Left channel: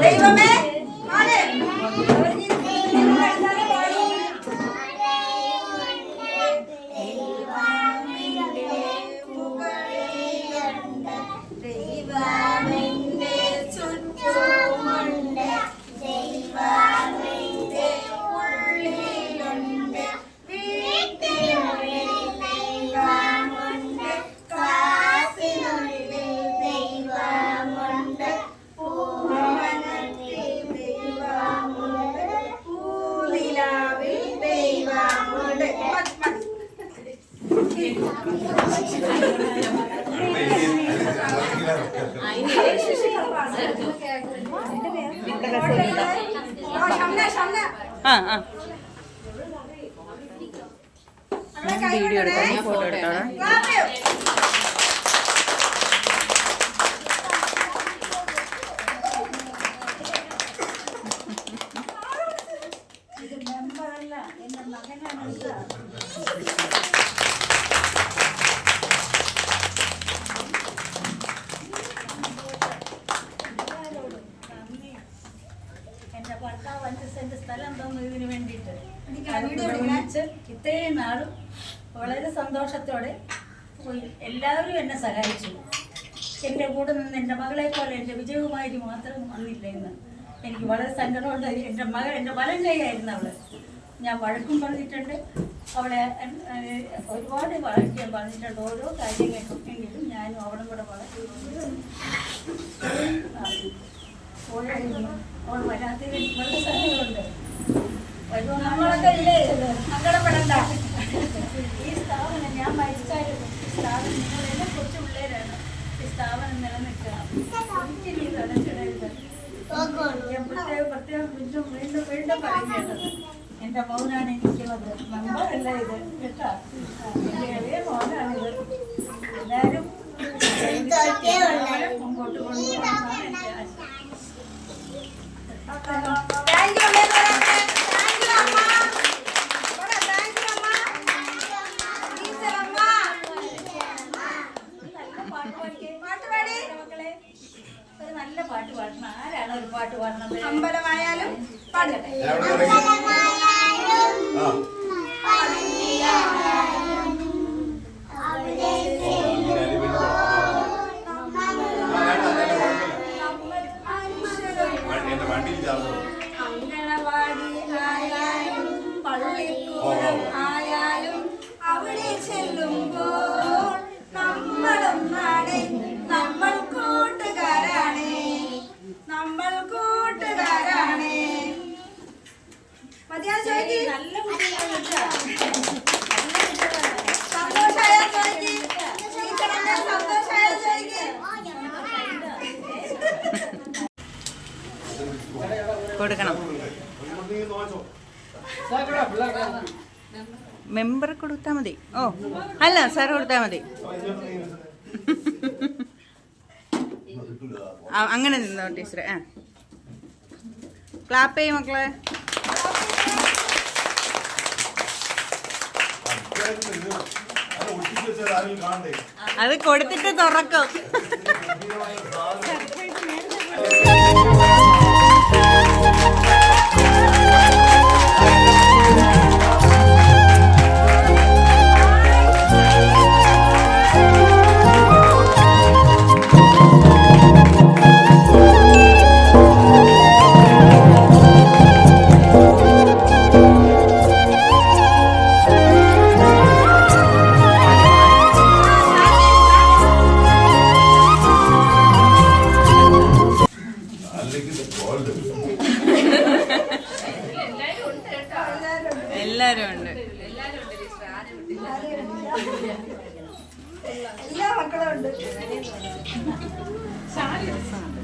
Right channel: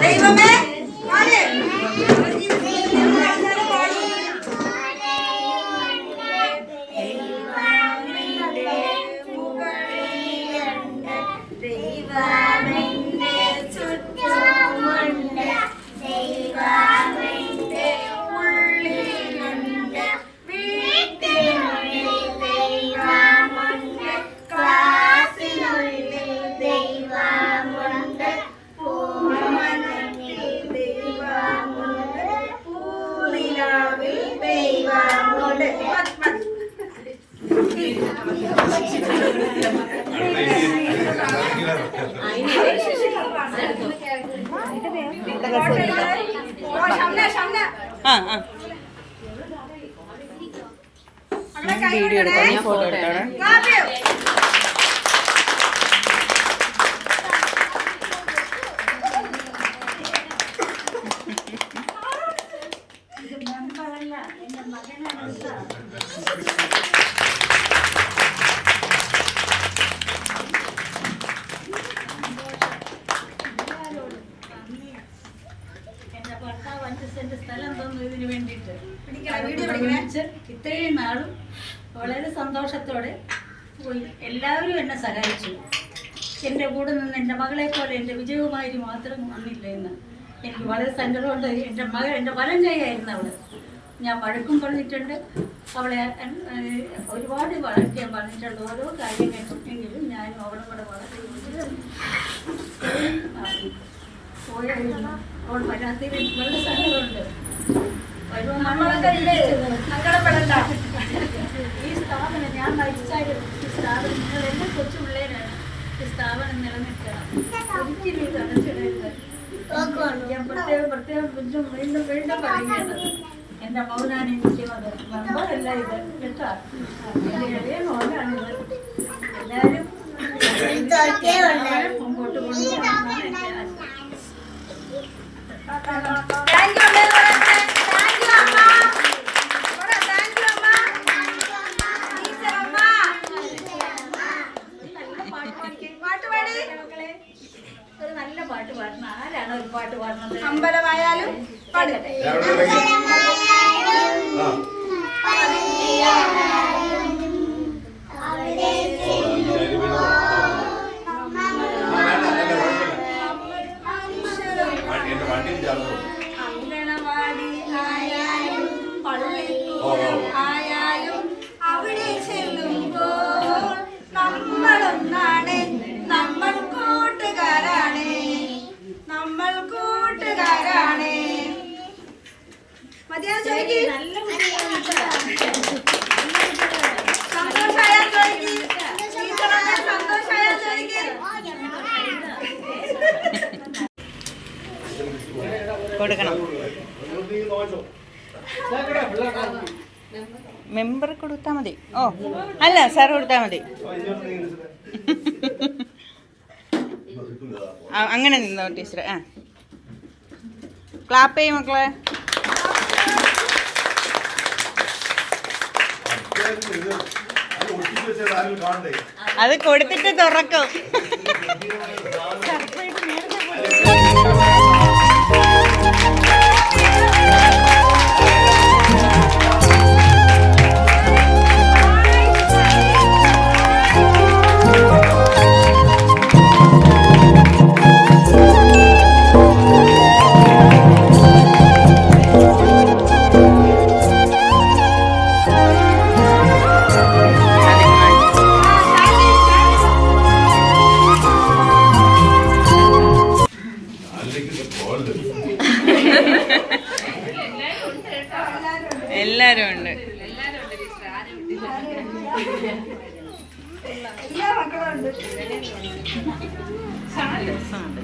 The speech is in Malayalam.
ദൈവമേ വീഡിയോ. എടുക്കാം ഞാൻ ഫോട്ടോ എടുക്കാം എന്റെ മകനാണ് വിളിച്ച് ഇത്രയും നാളും വളരെ സന്തോഷത്തോടെ എല്ലാവരും എന്നെ സഹായിച്ചു. എന്റെ കൂടെ നിന്ന് എന്റെ മകളെ പോലെ എന്റെ വിജയകുമാരി മാത്രം വന്നില്ല എന്ന്. എനിക്ക് വളരെ സങ്കടമുണ്ട്. എന്റെ മകൾ എന്റെ വലം കൈയായിരുന്നു അവൾ. ഞാൻ വഴക്കും പറഞ്ഞിട്ടുണ്ട്. അവളെ ഒരുപാട് വഴക്ക് ഞാൻ പറഞ്ഞിട്ടുണ്ട്. ഓരോ കാര്യങ്ങൾക്കും എങ്കിലും ഞാനും അവളും കൂടെ പോയായിരുന്നു അവൾ വരാത്തതിൽ വളരെ സങ്കടമുണ്ട് ഇല്ലേ? സങ്കടപ്പെടണ്ട. ഈ സ്ഥാപനം ഞാൻ മരിച്ചാലും ഈ സ്ഥാപനം നിങ്ങൾ എന്നെ കൊച്ചു പിള്ളേരാണ്. ഈ സ്ഥാപനം നിലനിൽക്കണം. ഒരിക്കലും ഇത് അടച്ചിടരുത്. ഞാൻ പ്രത്യേകം പ്രത്യേകം എന്റെ മൗനാണ് എനിക്കുള്ളത് നമ്മളല്ല ഇത്. കേട്ടോ? എന്റെ ഇളയ മൗനാണിത്. എല്ലാവരും നല്ല പാട്ട് പാടി. മക്കളെ ഒരു നല്ല പാട്ട് പാടണം. ആരാണ് ഒരു പാട്ട് പാടുന്നത് അമ്പലമായാലും പാടട്ടെ. അങ്കണവാടി ആയാലും പള്ളിക്കൂടം ചോദിക്ക് നല്ല ചോദിക്ക് ചോദിക്ക് കൊടുക്കണം. മെമ്പർ കൊടുത്താൽ മതി. ഓ അല്ല സാർ കൊടുത്താൽ മതി. അങ്ങനെ നിന്നോ ടീച്ചറെ. ആ. ക്ലാപ്പ് ചെയ്യും മക്കളെ. അത് കൊടുത്തിട്ട് തുറക്കും. എല്ലാരും ഉണ്ട് എല്ലാ മക്കളും ഉണ്ട് രസമുണ്ട്